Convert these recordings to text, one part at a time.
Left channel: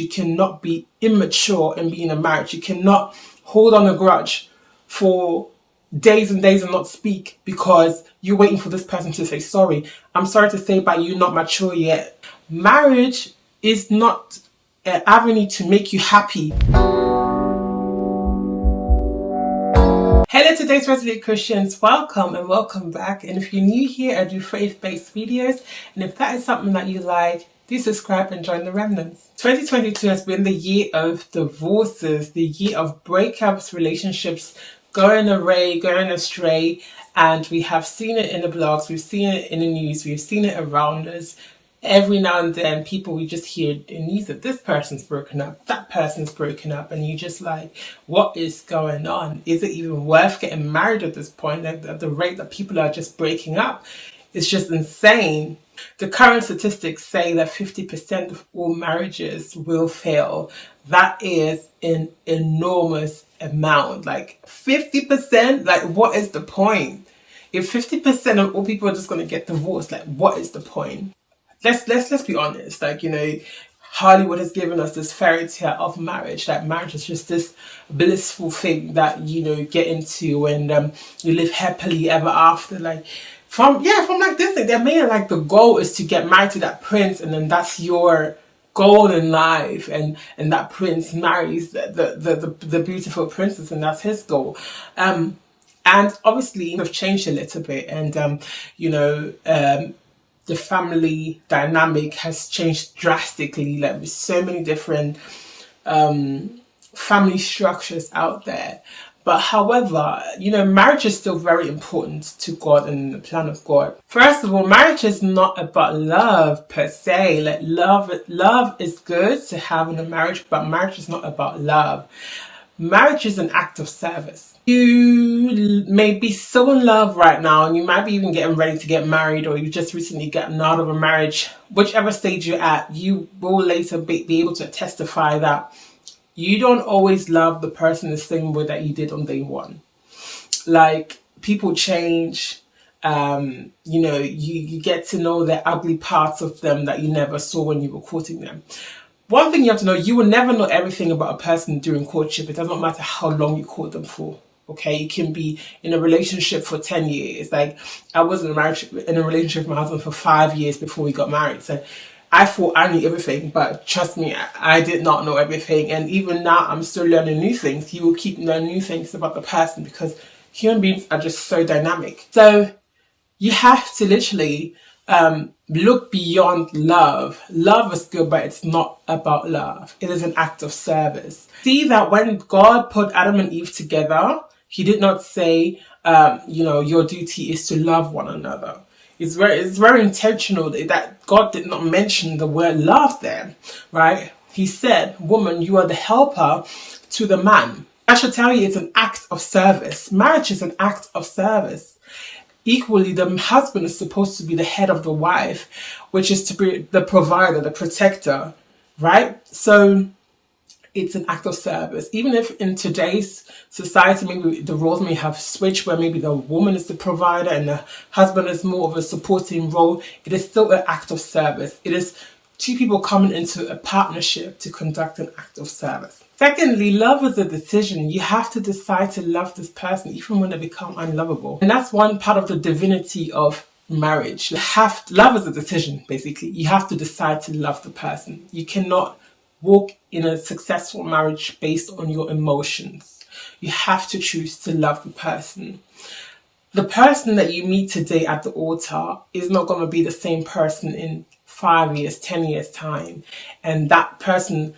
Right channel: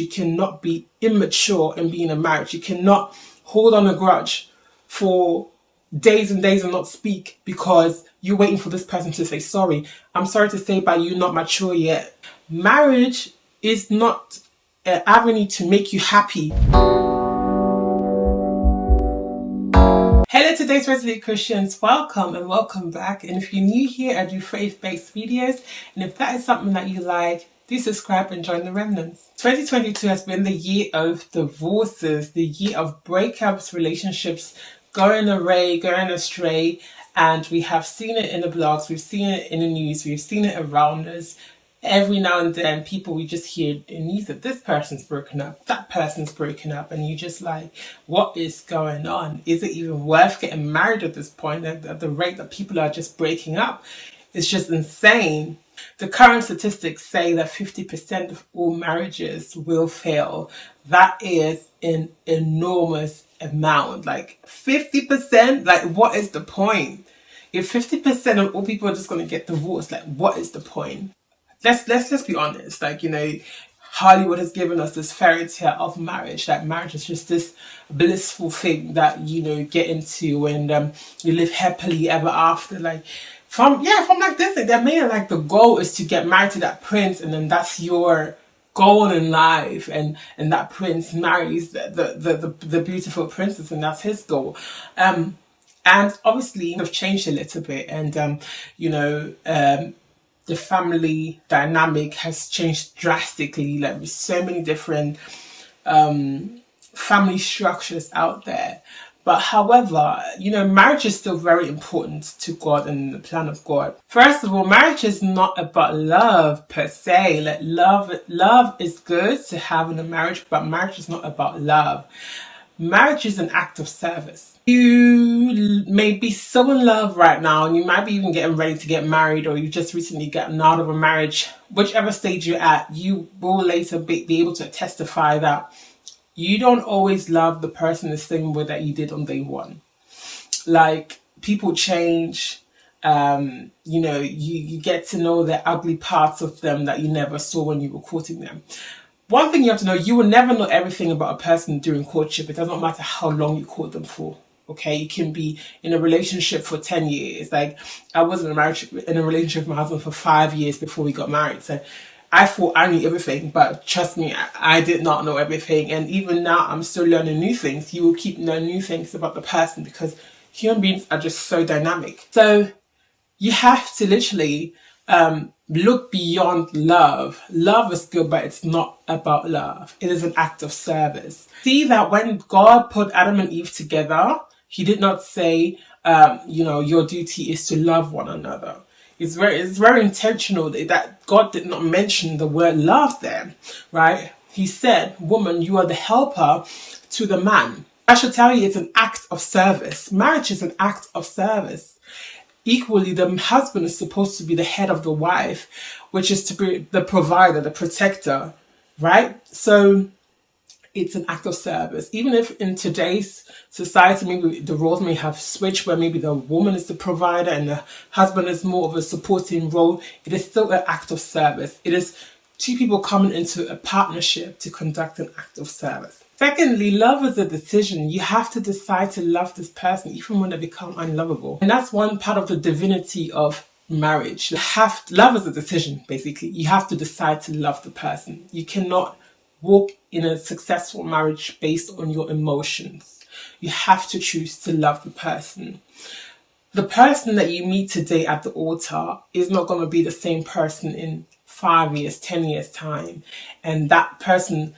You cannot be immature and be in a marriage. You cannot hold on a grudge for days and days and not speak because you're waiting for this person to say sorry. I'm sorry to say, but you're not mature yet. Marriage is not an avenue to make you happy. Hello, today's Resolute Christians. Welcome and welcome back. And if you're new here, I do faith-based videos. And if that is something that you like, do subscribe and join the remnants. 2022 has been the year of divorces, the year of breakups, relationships going away, going astray. And we have seen it in the blogs, we've seen it in the news, we've seen it around us. Every now and then, we just hear in news that this person's broken up, that person's broken up, and you just like, what is going on? Is it even worth getting married at this point? At the rate that people are just breaking up, it's just insane. The current statistics say that 50% of all marriages will fail. That is an enormous amount. Like 50%, like what is the point? If 50% of all people are just going to get divorced, like what is the point? Let's be honest. Like, Hollywood has given us this fairy tale of marriage. That marriage is just this blissful thing that get into and you live happily ever after. Like from like this thing, they're made like the goal is to get married to that prince, and then that's your goal in life, and that prince marries the beautiful princess, and that's his goal. And obviously, we've changed a little bit, and the family dynamic has changed drastically. Like with so many different family structures out there. But however, marriage is still very important to God and the plan of God. First of all, marriage is not about love per se. Like love is good to have in a marriage, but marriage is not about love. Marriage is an act of service. You may be so in love right now, and you might be even getting ready to get married, or you just recently gotten out of a marriage. Whichever stage you're at, you will later be able to testify that you don't always love the person the same way that you did on day one. Like, people change. You get to know the ugly parts of them that you never saw when you were courting them. One thing you have to know, you will never know everything about a person during courtship. It doesn't matter how long you court them for. Okay, you can be in a relationship for 10 years. Like, I was in a relationship with my husband for 5 years before we got married. So I thought I knew everything, but trust me, I did not know everything. And even now, I'm still learning new things. You will keep learning new things about the person because human beings are just so dynamic. So you have to literally look beyond love. Love is good, but it's not about love. It is an act of service. See that when God put Adam and Eve together, he did not say, your duty is to love one another. It's very intentional that God did not mention the word love there, right? He said, woman, you are the helper to the man. I should tell you, it's an act of service. Marriage is an act of service. Equally, the husband is supposed to be the head of the wife, which is to be the provider, the protector, right? So it's an act of service. Even if in today's society, maybe the roles may have switched where maybe the woman is the provider and the husband is more of a supporting role, it is still an act of service. It is two people coming into a partnership to conduct an act of service. Secondly, love is a decision. You have to decide to love this person even when they become unlovable. And that's one part of the divinity of marriage. Love is a decision, basically. You have to decide to love the person. You cannot walk in a successful marriage based on your emotions. You have to choose to love the person. The person that you meet today at the altar is not going to be the same person in 5 years, 10 years time. And that person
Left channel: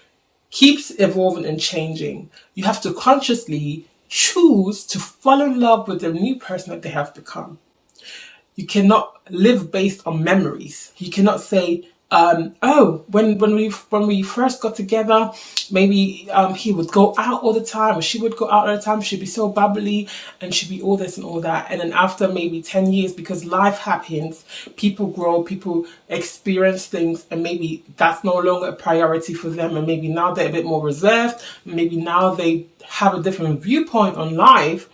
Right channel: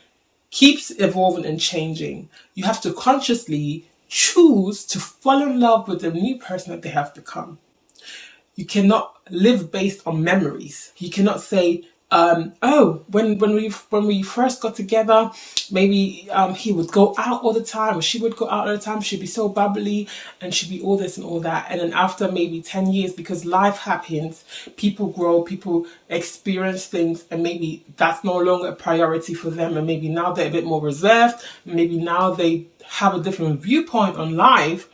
keeps evolving and changing. You have to consciously choose to fall in love with the new person that they have become. You cannot live based on memories. You cannot say, when we first got together, maybe he would go out all the time, or she would go out all the time. She'd be so bubbly, and she'd be all this and all that. And then after maybe 10 years, because life happens, people grow, people experience things, and maybe that's no longer a priority for them. And maybe now they're a bit more reserved. Maybe now they have a different viewpoint on life.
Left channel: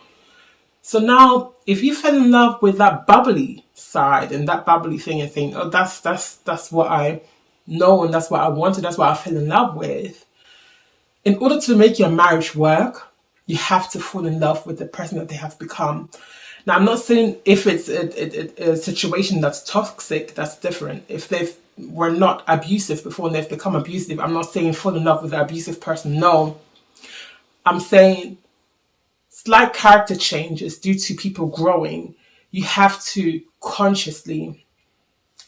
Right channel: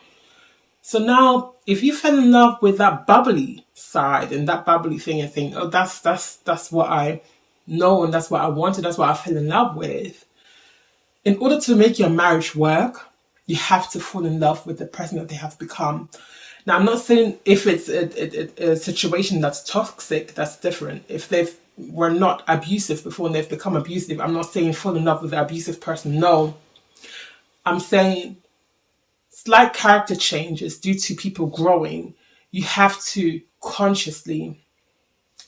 So now, if you fell in love with that bubbly side and that bubbly thing and think, oh, that's what I known, that's what I wanted, that's what I fell in love with. In order to make your marriage work, you have to fall in love with the person that they have become. Now, I'm not saying if it's a situation that's toxic, that's different. If they were not abusive before and they've become abusive, I'm not saying fall in love with the abusive person. No, I'm saying slight character changes due to people growing. You have to consciously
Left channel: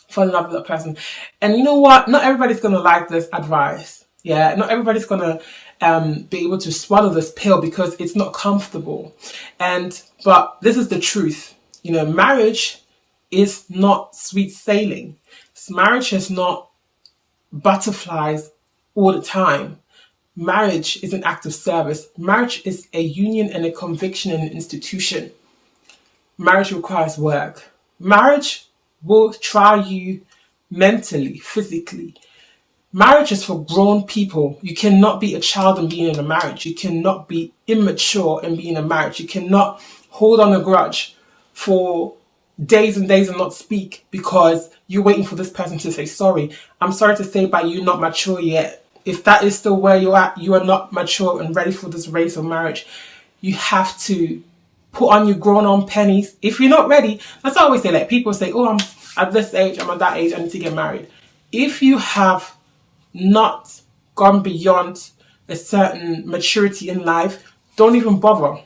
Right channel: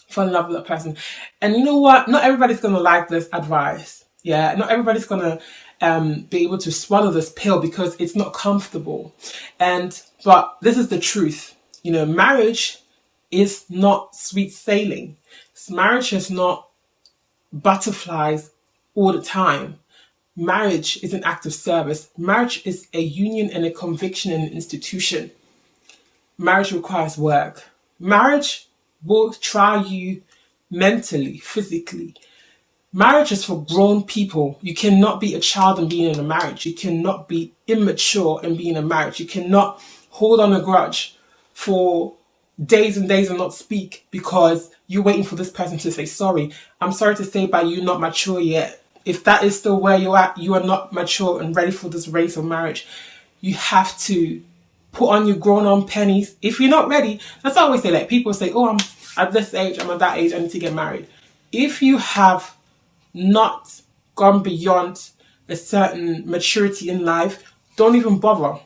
fall in love with that person. And you know what? Not everybody's going to like this advice. Yeah, not everybody's going to be able to swallow this pill because it's not comfortable. But this is the truth. You know, marriage is not sweet sailing. Marriage is not butterflies all the time. Marriage is an act of service. Marriage is a union and a conviction and an institution. Marriage requires work. Marriage will try you mentally, physically. Marriage is for grown people. You cannot be a child and be in a marriage. You cannot be immature and be in a marriage. You cannot hold on a grudge for days and days and not speak because you're waiting for this person to say sorry. I'm sorry to say, but you're not mature yet. If that is still where you're at, you are not mature and ready for this race of marriage. You have to put on your grown-on pennies. If you're not ready, that's what I always say. Like, people say, oh, I'm at this age, I'm at that age, I need to get married. If you have not gone beyond a certain maturity in life, don't even bother.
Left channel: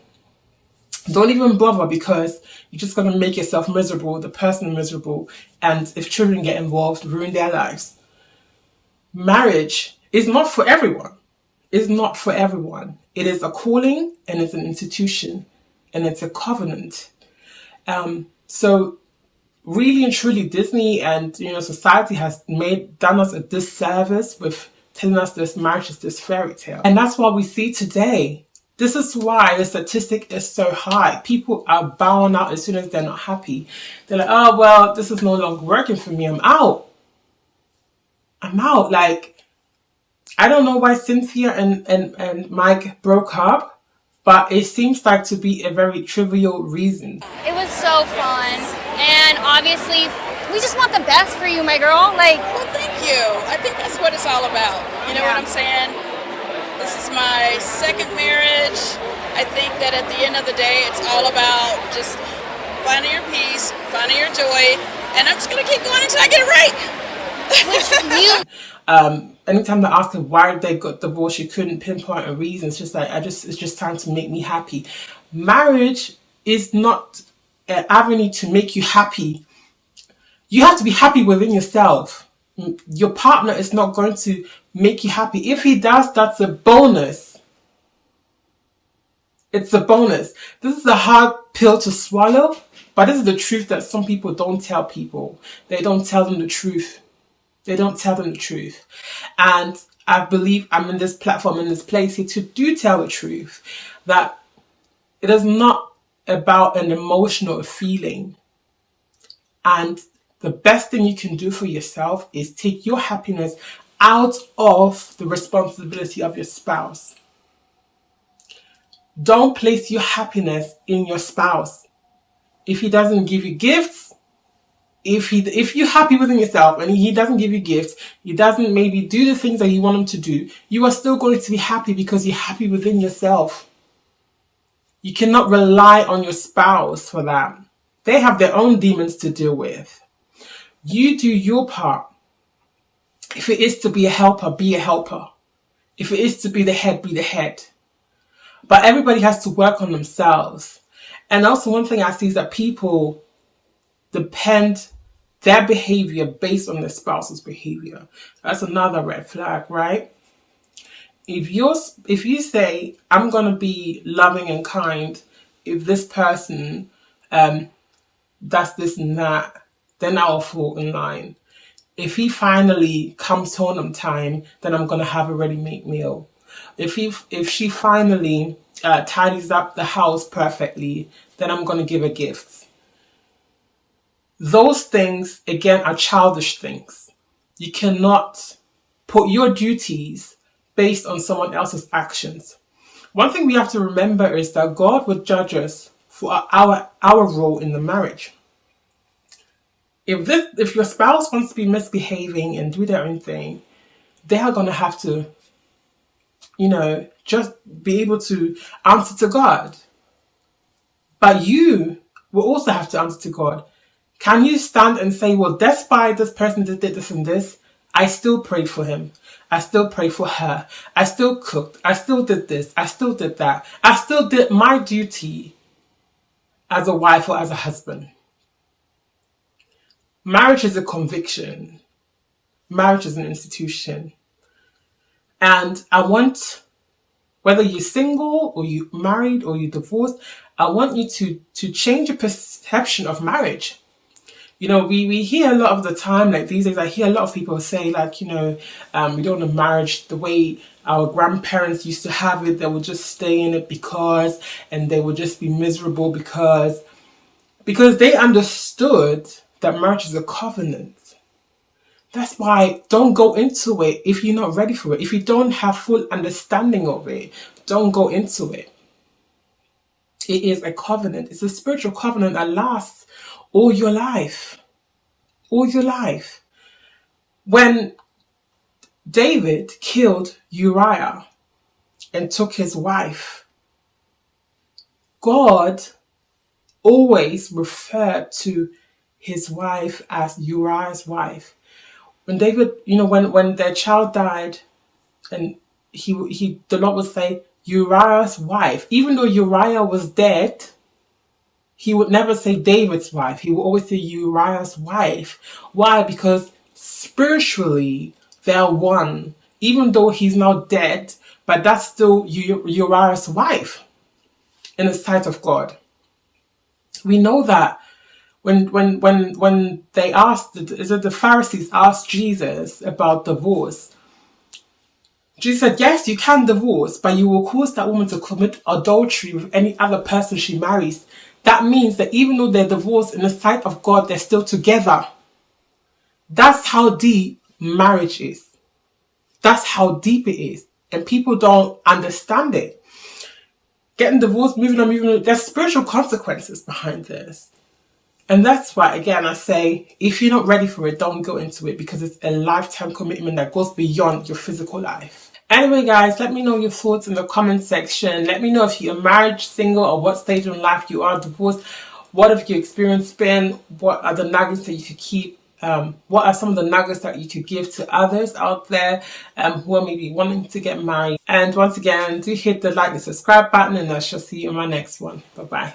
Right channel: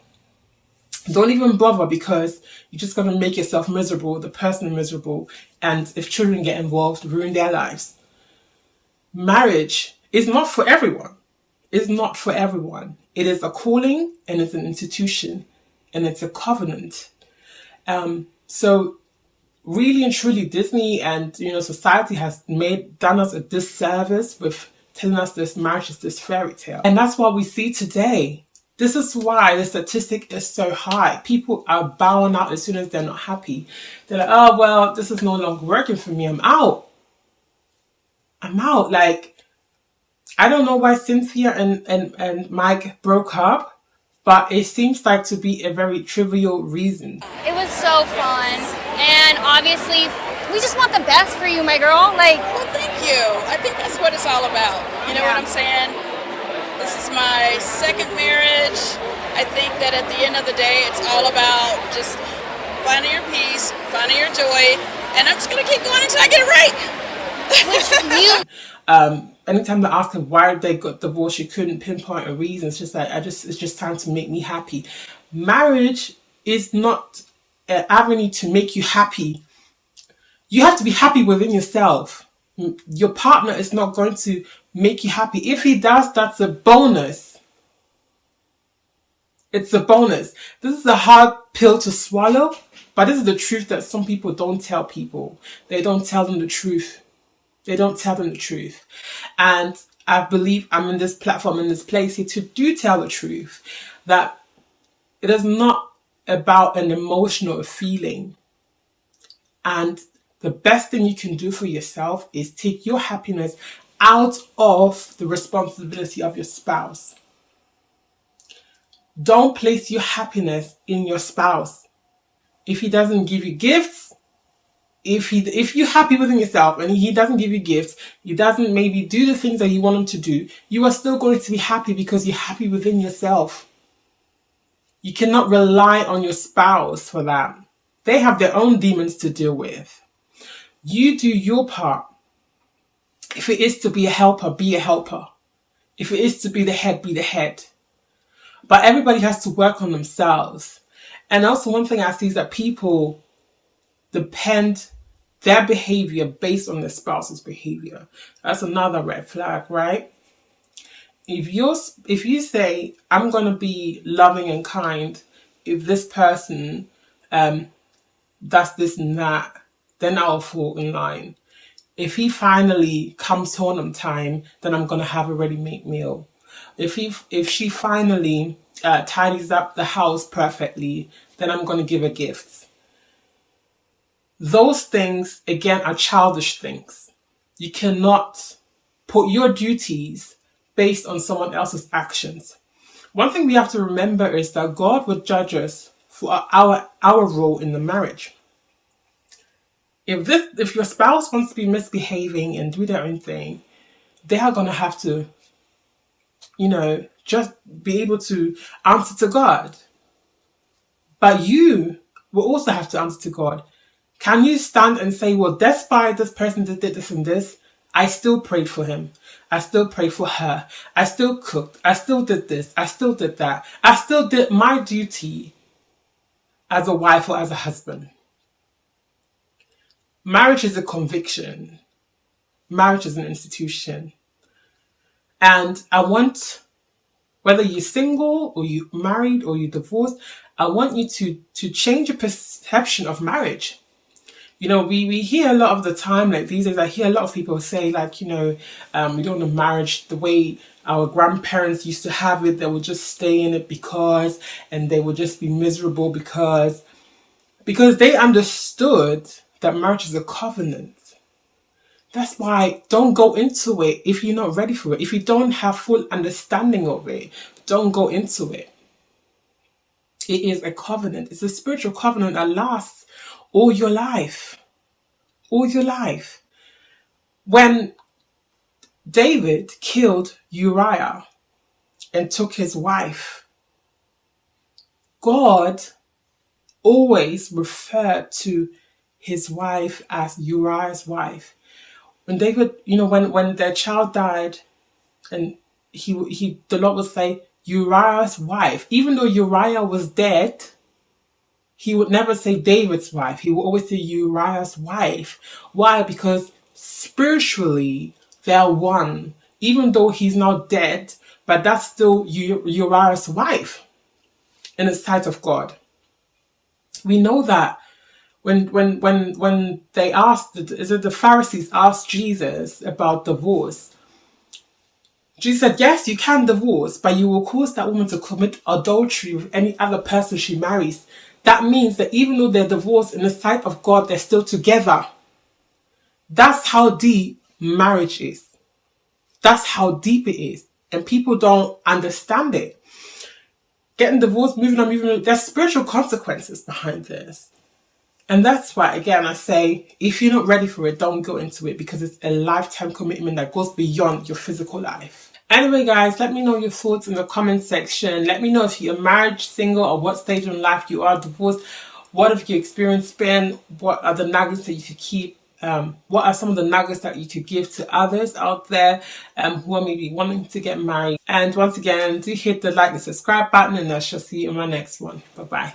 Don't even bother, because you're just going to make yourself miserable, the person miserable, and if children get involved, ruin their lives. Marriage is not for everyone. It's not for everyone. It is a calling, and it's an institution, and it's a covenant. So really and truly, Disney and society has done us a disservice with telling us this marriage is this fairy tale. And that's what we see today. This is why the statistic is so high. People are bowing out as soon as they're not happy. They're like, oh, well, this is no longer working for me. I'm out. Like, I don't know why Cynthia and Mike broke up, but it seems like to be a very trivial reason. It was so fun. And obviously, we just want the best for you, my girl. Like, well, thank you. I think that's what it's all about. You know what I'm saying? This is my second marriage. I think that at the end of the day, it's all about just finding your peace, finding your joy, and I'm just going to keep going until I get it right. Anytime they ask her why they got divorced, she couldn't pinpoint a reason. It's just like, it's just time to make me happy. Marriage is not an avenue to make you happy. You have to be happy within yourself. Your partner is not going to make you happy. If he does, that's a bonus. It's a bonus. This is a hard pill to swallow, but this is the truth that some people don't tell people. They don't tell them the truth. They don't tell them the truth. And I believe I'm in this platform, in this place here to do tell the truth, that it is not about an emotional feeling. And the best thing you can do for yourself is take your happiness out of the responsibility of your spouse. Don't place your happiness in your spouse. If he doesn't give you gifts, if you're happy within yourself and he doesn't give you gifts, he doesn't maybe do the things that you want him to do, you are still going to be happy because you're happy within yourself. You cannot rely on your spouse for that. They have their own demons to deal with. You do your part. If it is to be a helper, be a helper. If it is to be the head, be the head. But everybody has to work on themselves. And also one thing I see is that people depend their behavior based on their spouse's behavior. That's another red flag, right? If you say, I'm going to be loving and kind, if this person does this and that, then I'll fall in line. If he finally comes home on time, then I'm going to have a ready-made meal. If she finally tidies up the house perfectly, then I'm going to give her gifts. Those things, again, are childish things. You cannot put your duties based on someone else's actions. One thing we have to remember is that God would judge us for our role in the marriage. If your spouse wants to be misbehaving and do their own thing, they are going to have to, just be able to answer to God. But you will also have to answer to God. Can you stand and say, well, despite this person did this and this, I still prayed for him. I still prayed for her. I still cooked. I still did this. I still did that. I still did my duty as a wife or as a husband. Marriage is a conviction. Marriage is an institution. And I want, whether you're single or you married or you divorced, I want you to change your perception of marriage. We hear a lot of the time, like these days, I hear a lot of people say, like, we don't want a marriage the way our grandparents used to have it. They would just stay in it and they would just be miserable because they understood that marriage is a covenant. That's why don't go into it if you're not ready for it. If you don't have full understanding of it, don't go into it. It is a covenant. It's a spiritual covenant that lasts all your life. All your life. When David killed Uriah and took his wife, God always referred to his wife as Uriah's wife. When David, when their child died, and the Lord would say Uriah's wife, even though Uriah was dead, he would never say David's wife. He would always say Uriah's wife. Why? Because spiritually they're one. Even though he's now dead, but that's still Uriah's wife in the sight of God. We know that when they asked, the Pharisees asked Jesus about divorce, Jesus said, yes, you can divorce, but you will cause that woman to commit adultery with any other person she marries. That means that even though they're divorced, in the sight of God, they're still together. That's how deep marriage is. That's how deep it is. And people don't understand it. Getting divorced, moving on. There's spiritual consequences behind this. And that's why, again, I say, if you're not ready for it, don't go into it, because it's a lifetime commitment that goes beyond your physical life. Anyway, guys, let me know your thoughts in the comment section. Let me know if you're married, single, or what stage in life you are, divorced. What have your experience been? What are the nuggets that you could keep? What are some of the nuggets that you could give to others out there who are maybe wanting to get married? And once again, do hit the like and subscribe button, and I shall see you in my next one. Bye-bye.